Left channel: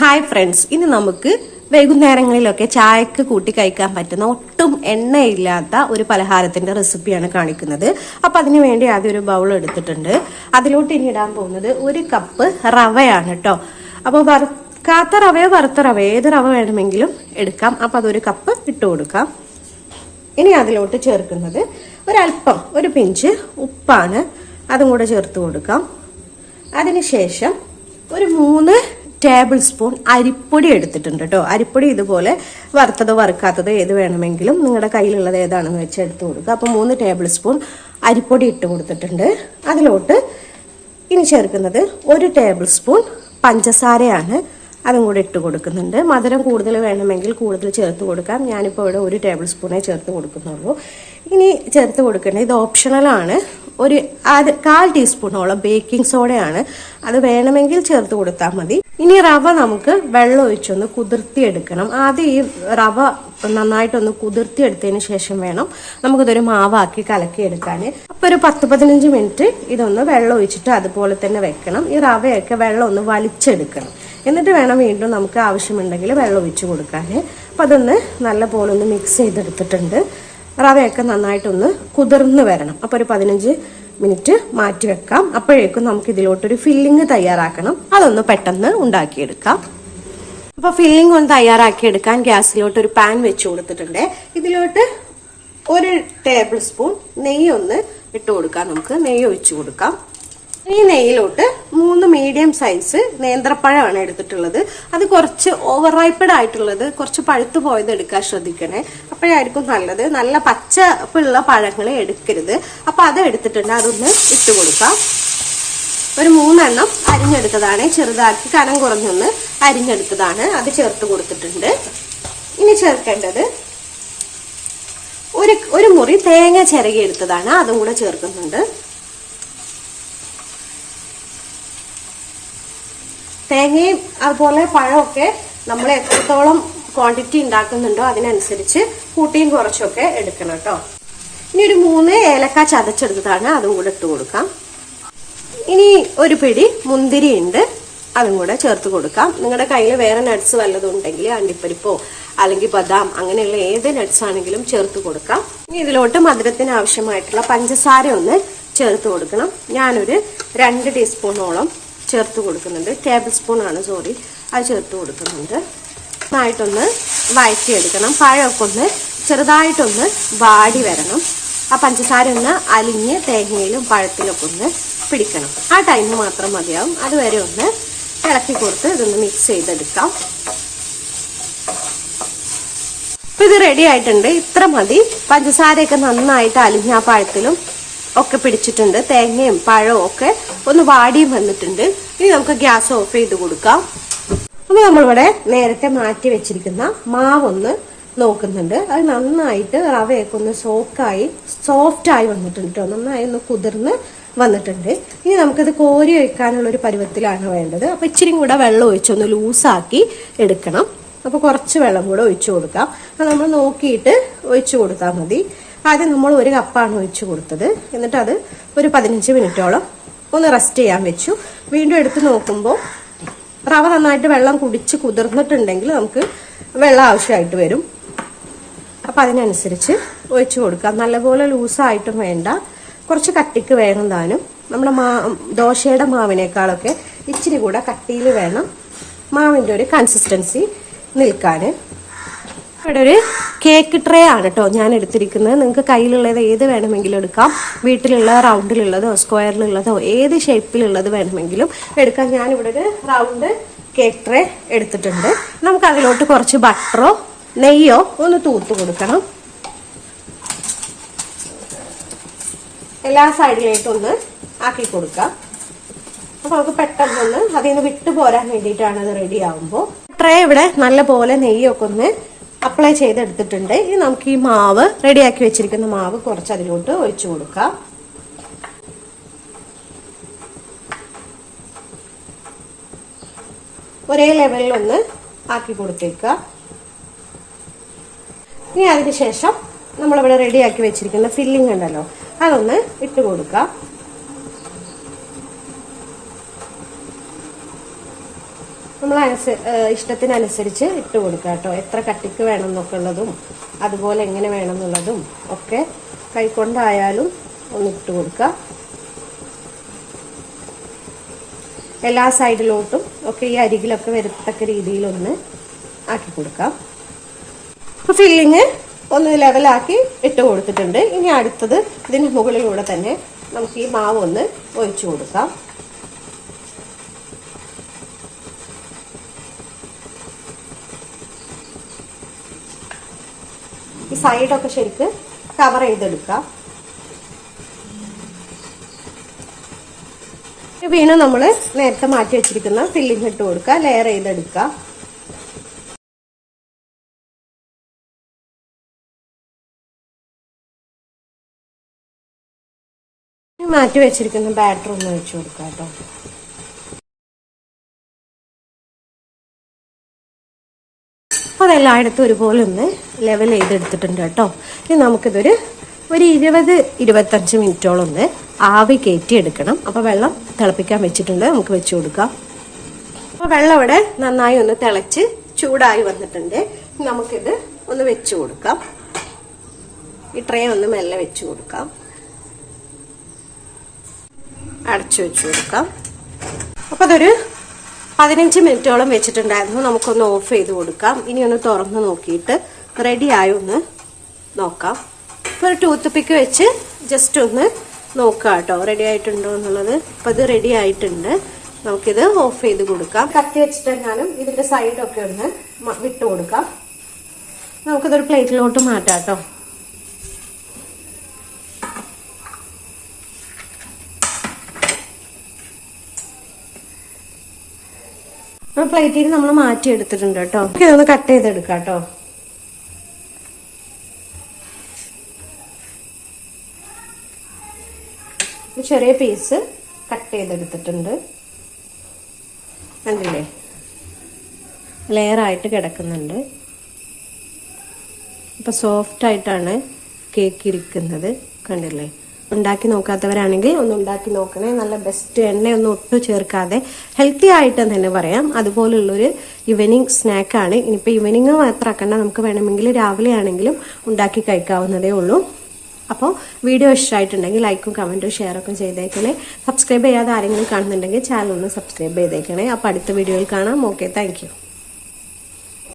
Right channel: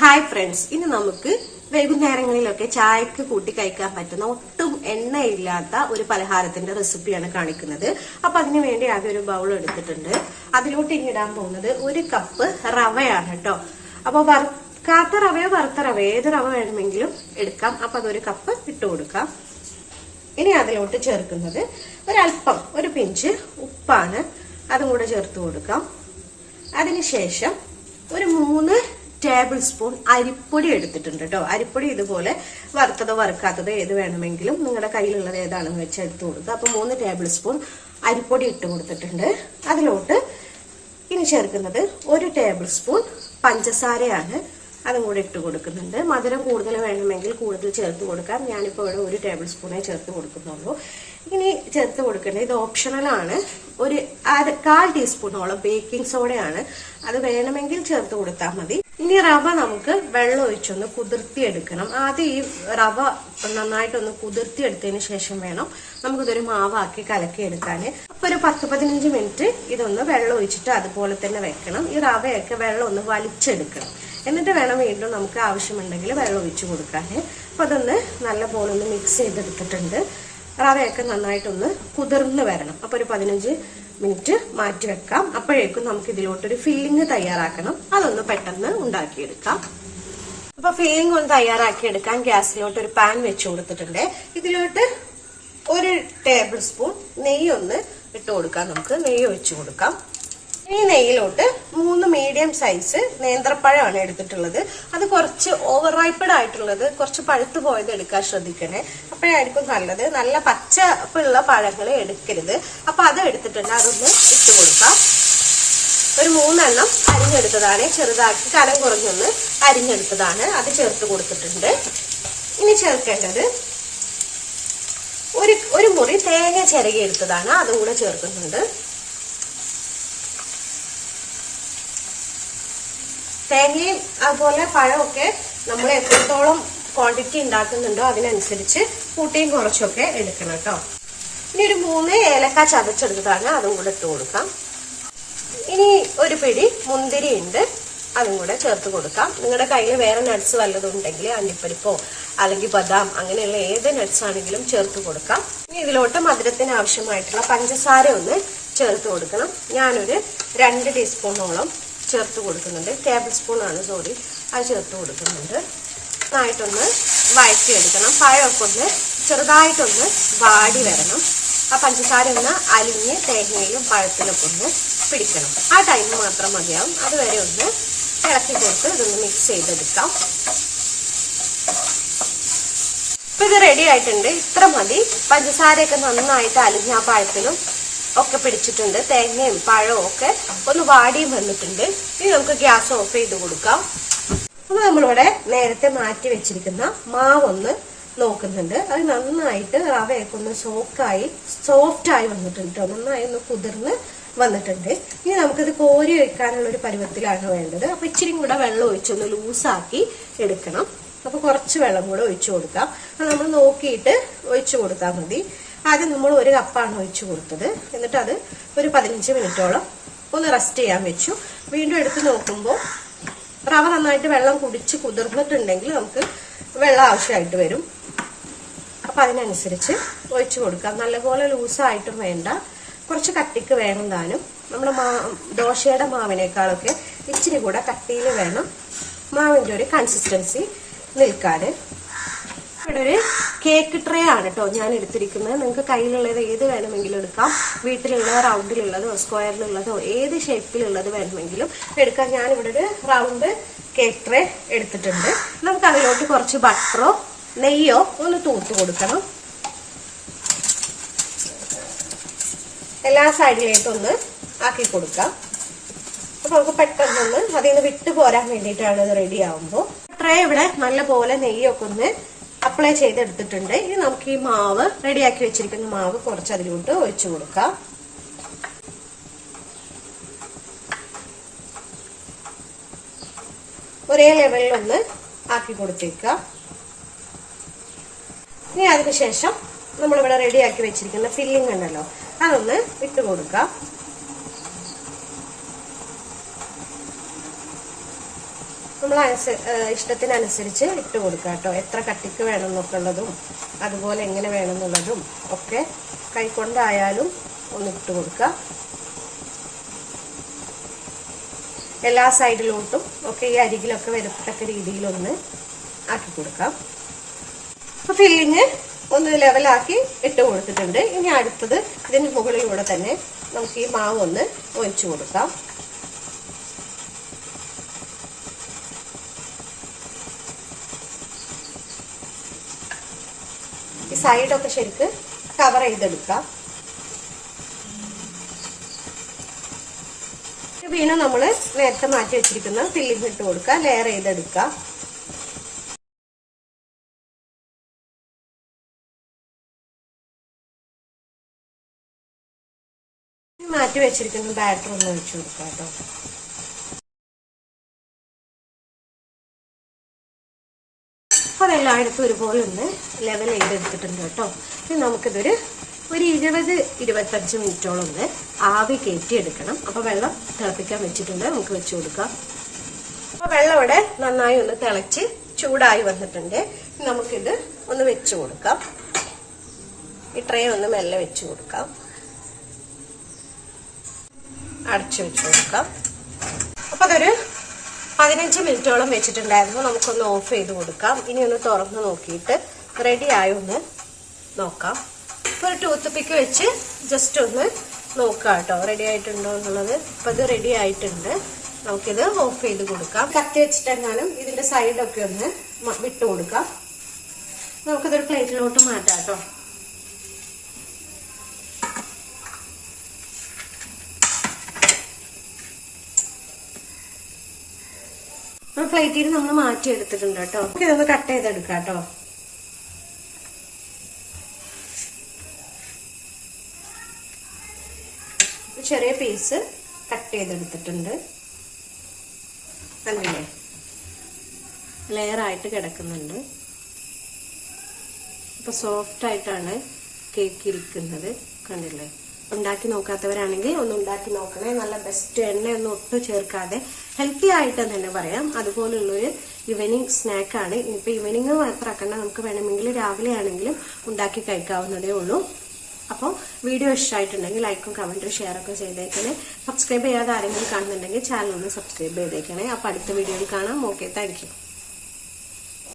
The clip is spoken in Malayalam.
ഹായ് ഫ്രണ്ട്സ് ഇനി നമുക്ക് വൈകുന്നേരങ്ങളിലൊക്കെ ചായക്ക് കൂട്ടി കഴിക്കാൻ പറ്റുന്ന ഒട്ടും എണ്ണയില്ലാത്ത ഒരു പലഹാരത്തിന്റെ റെസിപ്പിയാണ് കാണിക്കുന്നത്. അപ്പൊ അതിനു വേണ്ടി ആദ്യം ഒരു ബൗൾ എടുത്തിട്ടുണ്ട്. അതിലോട്ട് ഇനി ഇടാൻ പോകുന്നത് ഒരു കപ്പ് റവയാണ് കേട്ടോ അപ്പോൾ വറുക്കാത്ത റവയോ വറുത്ത റവയോ ഏത് റവ വേണമെങ്കിലും എടുക്കാം. അപ്പൊ അതൊരു കപ്പ് ഇട്ടു കൊടുക്കാം. ഇനി അതിലോട്ട് ചേർക്കുന്നത് ഒരല്പം ഒരു പിഞ്ച് ഉപ്പാണ്. അതും കൂടെ ചേർത്ത് കൊടുക്കാം. അതിനുശേഷം ഒരു മൂന്ന് ടേബിൾ സ്പൂൺ അരിപ്പൊടി എടുത്തിട്ടുണ്ട് കേട്ടോ അരിപ്പൊടി ഇതുപോലെ വറുത്തതോ വറുക്കാത്തതോ ഏത് വേണമെങ്കിലും നിങ്ങളുടെ കയ്യിലുള്ളത് ഏതാണെന്ന് വെച്ച് എടുത്തു കൊടുക്കുക. അപ്പോൾ മൂന്ന് ടേബിൾ സ്പൂൺ അരിപ്പൊടി ഇട്ട് കൊടുത്തിട്ടുണ്ട്. അതിലോട്ട് ഇനി ചേർക്കുന്നത് ഒരു ടേബിൾ സ്പൂൺ പഞ്ചസാരയാണ് അതും കൂടെ ഇട്ട് കൊടുക്കുന്നുണ്ട്. മധുരം കൂടുതൽ വേണമെങ്കിൽ കൂടുതൽ ചേർത്ത് കൊടുക്കാം. ഞാനിപ്പോൾ ഇവിടെ ഒരു ടേബിൾ സ്പൂണേ ചേർത്ത് കൊടുക്കുന്നുള്ളൂ. ഇനി ചേർത്ത് കൊടുക്കേണ്ടത് ഇത് ഓപ്ഷണലാണ് ഒരു കാൽ ടീസ്പൂണോളം ബേക്കിംഗ് സോഡയാണ് അത് വേണമെങ്കിൽ ചേർത്ത് കൊടുത്താൽ മതി. ഇനി റവ നമുക്ക് വെള്ളം ഒഴിച്ചൊന്ന് കുതിർത്തിയെടുക്കണം. ആദ്യം ഈ റവ നന്നായിട്ടൊന്ന് കുതിർത്തിയെടുത്തതിന് ശേഷം വേണം നമുക്കിതൊരു മാവാക്കി കലക്കിയെടുക്കാൻ അപ്പൊ ഒരു പത്ത് പതിനഞ്ച് മിനിറ്റ് ഇതൊന്ന് വെള്ളം ഒഴിച്ചിട്ട് അതുപോലെ തന്നെ വെക്കണം. ഈ റവയൊക്കെ വെള്ളം ഒന്ന് വലിച്ചെടുക്കണം. എന്നിട്ട് വേണം വീണ്ടും നമുക്ക് ആവശ്യമുണ്ടെങ്കിൽ വെള്ളം ഒഴിച്ചു കൊടുക്കാൻ അപ്പൊ അതൊന്ന് നല്ല പോലെ ഒന്ന് മിക്സ് ചെയ്തെടുത്തിട്ടുണ്ട്. റവയൊക്കെ നന്നായിട്ടൊന്ന് കുതിർന്ന് വരണം. അപ്പൊ ഒരു പതിനഞ്ച് മിനിറ്റ് മാറ്റി വെക്കാം. അപ്പോഴേക്കും നമുക്ക് ഇതിലോട്ടൊരു ഫില്ലിങ് തയ്യാറാക്കണം. അതൊന്ന് പെട്ടെന്ന് ഉണ്ടാക്കിയെടുക്കാം. അപ്പൊ ഫില്ലിംഗ് ഒന്ന് തയ്യാറാക്കിയെടുക്കാൻ ഗ്യാസിലോട്ട് ഒരു പാൻ വെച്ച് കൊടുത്തിട്ടുണ്ട്. ഇതിലോട്ട് ഒരു ടേബിൾ സ്പൂൺ നെയ്യൊന്ന് ഇട്ട് കൊടുക്കാം. നമുക്ക് നെയ്യ് ഒഴിച്ചു കൊടുക്കാം. ഈ നെയ്യിലോട്ട് മീഡിയം സൈസ് നേന്ത്രപ്പഴമാണ് എടുത്തിട്ടുള്ളത്. അത് കുറച്ച് ഓവർ റൈപ്പഡ് ആയിട്ടുള്ളത് കുറച്ച് പഴുത്തു പോയത് എടുക്കാൻ ശ്രദ്ധിക്കണേ. അപ്പോഴായിരിക്കും നല്ലത്. നല്ല പച്ചപ്പുള്ള പഴങ്ങൾ എടുക്കരുത്. അപ്പൊ അത് എടുത്തിട്ടുണ്ട്. അതൊന്ന് ഇട്ട് കൊടുക്കാം. ഒരു മൂന്നെണ്ണം അരിഞ്ഞെടുത്തതാണ്. ചെറുതാക്കി കനം കുറഞ്ഞൊന്ന് അരിഞ്ഞെടുത്തതാണ്. അത് ചേർത്ത് കൊടുത്തിട്ടുണ്ട്. ഇനി ചേർക്കേണ്ടത് ഒരു ഒരു മുറി തേങ്ങ ചിരകി എടുത്തതാണ്. അതും കൂടെ ചേർക്കുന്നുണ്ട്. തേങ്ങയും അതുപോലെ പഴമൊക്കെ നമ്മൾ എത്രത്തോളം ക്വാണ്ടിറ്റി ഉണ്ടാക്കുന്നുണ്ടോ അതിനനുസരിച്ച് കൂട്ടിയും കുറച്ചൊക്കെ എടുക്കണം കേട്ടോ. ഇനി ഒരു മൂന്ന് ഏലക്ക ചതച്ചെടുത്തതാണ് അതും കൂടെ ഇട്ട് കൊടുക്കാം. ഇനി ഒരു പിടി മുന്തിരി ഉണ്ട് അതും കൂടെ ചേർത്ത് കൊടുക്കാം. നിങ്ങളുടെ കയ്യിൽ വേറെ നട്ട്സ് വല്ലതും ഉണ്ടെങ്കിൽ അണ്ടിപ്പരിപ്പോ അല്ലെങ്കിൽ ബദാം അങ്ങനെയുള്ള ഏത് നട്ട്സ് ആണെങ്കിലും ചേർത്ത് കൊടുക്കാം. ഇനി ഇതിലോട്ട് മധുരത്തിന് ആവശ്യമായിട്ടുള്ള പഞ്ചസാര ഒന്ന് ചേർത്ത് കൊടുക്കണം. ഞാനൊരു രണ്ട് ടീസ്പൂണോളം ചേർത്ത് കൊടുക്കുന്നുണ്ട്. ടേബിൾ സ്പൂൺ ആണ് സോറി അത് ചേർത്ത് കൊടുക്കുന്നുണ്ട്. നന്നായിട്ടൊന്ന് വഴറ്റിയെടുക്കണം. പഴമൊക്കെ ഒന്ന് ചെറുതായിട്ടൊന്ന് വാടി വരണം. ആ പഞ്ചസാര ഒന്ന് അലിഞ്ഞ് തേങ്ങയിലും പഴത്തിലൊക്കെ ഒന്ന് പിടിക്കണം. ആ ടൈം മാത്രം മതിയാവും. അതുവരെ ഒന്ന് ഇളക്കി കൊടുത്ത് ഇതൊന്ന് മിക്സ് ചെയ്തെടുക്കാം. ഇപ്പൊ ഇത് റെഡി ആയിട്ടുണ്ട്. ഇത്ര മതി. പഞ്ചസാരയൊക്കെ നന്നായിട്ട് അലിഞ്ഞ ആ പഴത്തിലും ഒക്കെ പിടിച്ചിട്ടുണ്ട്. തേങ്ങയും പഴവും ഒക്കെ ഒന്ന് വാടിയും വന്നിട്ടുണ്ട്. ഇനി നമുക്ക് ഗ്യാസ് ഓഫ് ചെയ്ത് കൊടുക്കാം. അപ്പൊ നമ്മളിവിടെ നേരത്തെ മാറ്റി വെച്ചിരിക്കുന്ന മാവൊന്ന് നോക്കുന്നുണ്ട്. അത് നന്നായിട്ട് റവയൊക്കെ ഒന്ന് സോഫ്റ്റ് ആയി വന്നിട്ടുണ്ട് കേട്ടോ നന്നായി ഒന്ന് കുതിർന്ന് വന്നിട്ടുണ്ട്. ഇനി നമുക്കിത് കോരി ഒഴിക്കാനുള്ള ഒരു പരുവത്തിലാണ് വേണ്ടത്. അപ്പൊ ഇച്ചിരി കൂടെ വെള്ളം ഒഴിച്ചൊന്ന് ലൂസാക്കി എടുക്കണം. അപ്പൊ കുറച്ച് വെള്ളം കൂടെ ഒഴിച്ചു കൊടുക്കാം. നമ്മൾ നോക്കിയിട്ട് ഒഴിച്ചു കൊടുത്താൽ മതി. ആദ്യം നമ്മൾ ഒരു കപ്പാണ് ഒഴിച്ചു കൊടുത്തത്. എന്നിട്ട് അത് ഒരു പതിനഞ്ച് മിനിറ്റോളം ഒന്ന് റെസ്റ്റ് ചെയ്യാൻ വെച്ചു. വീണ്ടും എടുത്ത് നോക്കുമ്പോൾ റവ നന്നായിട്ട് വെള്ളം കുടിച്ച് കുതിർന്നിട്ടുണ്ടെങ്കിൽ നമുക്ക് വെള്ളം ആവശ്യമായിട്ട് വരും. അപ്പം അതിനനുസരിച്ച് ഒഴിച്ചു കൊടുക്കാം. നല്ലപോലെ ലൂസായിട്ടും വേണ്ട. കുറച്ച് കട്ടിക്ക് വേണം താനും. നമ്മുടെ മാ ദോശയുടെ മാവിനേക്കാളൊക്കെ ഇച്ചിരി കൂടെ കട്ടിയിൽ വേണം. മാവിന്റെ ഒരു കൺസിസ്റ്റൻസി നിൽക്കാന്. ഇവിടെ ഒരു കേക്ക് ട്രേ ആണ് കേട്ടോ ഞാൻ എടുത്തിരിക്കുന്നത്. നിങ്ങൾക്ക് കയ്യിലുള്ളത് ഏത് വേണമെങ്കിലും എടുക്കാം. വീട്ടിലുള്ള റൗണ്ടിലുള്ളതോ സ്ക്വയറിലുള്ളതോ ഏത് ഷേപ്പിലുള്ളത് വേണമെങ്കിലും എടുക്കാം. ഞാൻ ഇവിടെ ഒരു റൗണ്ട് കേക്ക് ട്രേ എടുത്തിട്ടുണ്ട്. നമുക്ക് അതിലോട്ട് കുറച്ച് ബട്ടറോ നെയ്യോ ഒന്ന് തൂത്ത് കൊടുക്കണം. എല്ലാ സൈഡിലേക്കൊന്ന് ആക്കി കൊടുക്കാം. അപ്പൊ നമുക്ക് പെട്ടെന്നൊന്ന് അതിൽ നിന്ന് വിട്ടു പോരാൻ വേണ്ടിയിട്ടാണ് ഇത് റെഡി ആകുമ്പോൾ ട്രേ ഇവിടെ നല്ല പോലെ നെയ്യൊക്കെ ഒന്ന് അപ്ലൈ ചെയ്തെടുത്തിട്ടുണ്ട്. ഇനി നമുക്ക് ഈ മാവ് റെഡിയാക്കി വെച്ചിരിക്കുന്ന മാവ് കുറച്ച് അതിലോട്ട് ഒഴിച്ചു കൊടുക്കാം. ഒരേ ലെവലിൽ ഒന്ന് ആക്കി കൊടുത്തേക്കുക. ഇനി അതിനുശേഷം നമ്മളിവിടെ റെഡിയാക്കി വെച്ചിരിക്കുന്ന ഫില്ലിംഗ് ഉണ്ടല്ലോ അതൊന്ന് ഇട്ട് കൊടുക്കാം. നമ്മൾ ഇഷ്ടത്തിനനുസരിച്ച് ഇട്ട് കൊടുക്കുക കേട്ടോ. എത്ര കട്ടിക്ക് വേണം എന്നൊക്കെ ഉള്ളതും അതുപോലെ എങ്ങനെ വേണം എന്നുള്ളതും ഒക്കെ കൈക്കൊണ്ടായാലും ഒന്ന് ഇട്ട് കൊടുക്കുക. എല്ലാ സൈഡിലോട്ടും ഒക്കെ ഈ അരികിലൊക്കെ വരത്തക്ക രീതിയിലൊന്ന് ആക്കി കൊടുക്കാം. അപ്പൊ ഫില്ലിങ് ഒന്ന് ലെവലാക്കി ഇട്ട് കൊടുത്തിട്ടുണ്ട്. ഇനി അടുത്തത് ഇതിന് മുകളിലൂടെ തന്നെ നമുക്ക് ഈ മാവ് ഒന്ന് ഒഴിച്ചു കൊടുക്കാം. സൈഡൊക്കെ ശരിക്ക് കവർ ചെയ്തെടുക്കാം പിന്നെ നമ്മൾ നേരത്തെ മാറ്റി വെച്ചിരിക്കുന്ന ഫില്ലിംഗ് ഇട്ട് കൊടുക്കുക ലെയർ ചെയ്തെടുക്കുക. മാറ്റി വെച്ചിരിക്കുന്ന ബാറ്റർ ഒന്ന് വെച്ച് കൊടുക്കാം കേട്ടോ. അപ്പോൾ അതെല്ലായിടത്തും ഒരുപോലെ ഒന്ന് ലെവൽ ചെയ്തെടുത്തിട്ടുണ്ട് കേട്ടോ. ഇനി നമുക്കിതൊരു ഒരു ഇരുപത് ഇരുപത്തഞ്ച് മിനിറ്റോളം ഒന്ന് ആവി കയറ്റി എടുക്കണം അപ്പോൾ വെള്ളം തിളപ്പിക്കാൻ വെച്ചിട്ടുണ്ട്. നമുക്ക് വെച്ച് കൊടുക്കാം. അപ്പോൾ വെള്ളം ഇവിടെ നന്നായി ഒന്ന് തിളച്ച് ചൂടായി വന്നിട്ടുണ്ട്. നമുക്കിത് ഒന്ന് വെച്ച് കൊടുക്കാം. ഈ ഒന്ന് മെല്ലെ വെച്ച് കൊടുക്കാം. അടച്ചു വെച്ച് കൊടുക്കാം. അപ്പൊ അതൊരു പതിനഞ്ച് മിനിറ്റോളം വെച്ചിട്ടുണ്ടായിരുന്നു. നമുക്കൊന്ന് ഓഫ് ചെയ്ത് കൊടുക്കാം. ഇനി ഒന്ന് തുറന്ന് നോക്കിയിട്ട് റെഡി ആയി ഒന്ന് നോക്കാം. ഇപ്പൊ ടൂത്ത് പിക്ക് വെച്ച് ജസ്റ്റ് ഒന്ന് നോക്കാം കേട്ടോ. റെഡി ആയിട്ടുണ്ടോ എന്നുള്ളത്. ഇപ്പൊ ഇത് റെഡി ആയിട്ടുണ്ട്. നമുക്കിത് ഓഫ് ചെയ്ത് കൊടുക്കാം. കത്തി വെച്ചിട്ടെങ്ങാനും ഇതിന്റെ സൈഡൊക്കെ ഒന്ന് വിട്ട് കൊടുക്കാം. നമുക്കിതൊരു പ്ലേറ്റിലോട്ട് മാറ്റാം കേട്ടോ. പ്ലേറ്റിൽ നമ്മൾ മാറ്റി എടുത്തിട്ടുണ്ട് കേട്ടോ. ഇതൊന്ന് കട്ട് ചെയ്തെടുക്കാം കേട്ടോ. ചെറിയ പീസ് കട്ട് ചെയ്തെടുത്തിട്ടുണ്ട്. കണ്ടില്ലേ? ലെയറായിട്ട് കിടക്കുന്നുണ്ട്. ഇപ്പൊ സോഫ്റ്റ് ആയിട്ടാണ് കേക്ക് ഇരിക്കുന്നത്. കണ്ടില്ലേ? ഉണ്ടാക്കി നോക്കാത്തവരാണെങ്കിൽ ഒന്ന് ഉണ്ടാക്കി നോക്കണേ. നല്ല ബെസ്റ്റ് എണ്ണയൊന്നും ഒട്ടും ചേർക്കാതെ ഹെൽത്തി ആയിട്ടെന്ന് തന്നെ പറയാം. അതുപോലുള്ളൊരു ഈവനിങ് സ്നാക്കാണ് ഇനിയിപ്പോൾ ഈവനിങ് മാത്രമാക്കണ്ട നമുക്ക് വേണമെങ്കിൽ രാവിലെ ആണെങ്കിലും ഉണ്ടാക്കി കഴിക്കാവുന്നതേ ഉള്ളൂ. അപ്പോൾ വീഡിയോ ഇഷ്ടമായിട്ടുണ്ടെങ്കിൽ ലൈക്കും കമന്റും ഷെയറൊക്കെ ചെയ്തേക്കണേ. സബ്സ്ക്രൈബ് ചെയ്യാതെ ആരെങ്കിലും കാണുന്നുണ്ടെങ്കിൽ ചാനൽ ഒന്ന് സബ്സ്ക്രൈബ് ചെയ്തേക്കണേ. അപ്പോൾ അടുത്ത വീഡിയോയിൽ കാണാം. Okay thank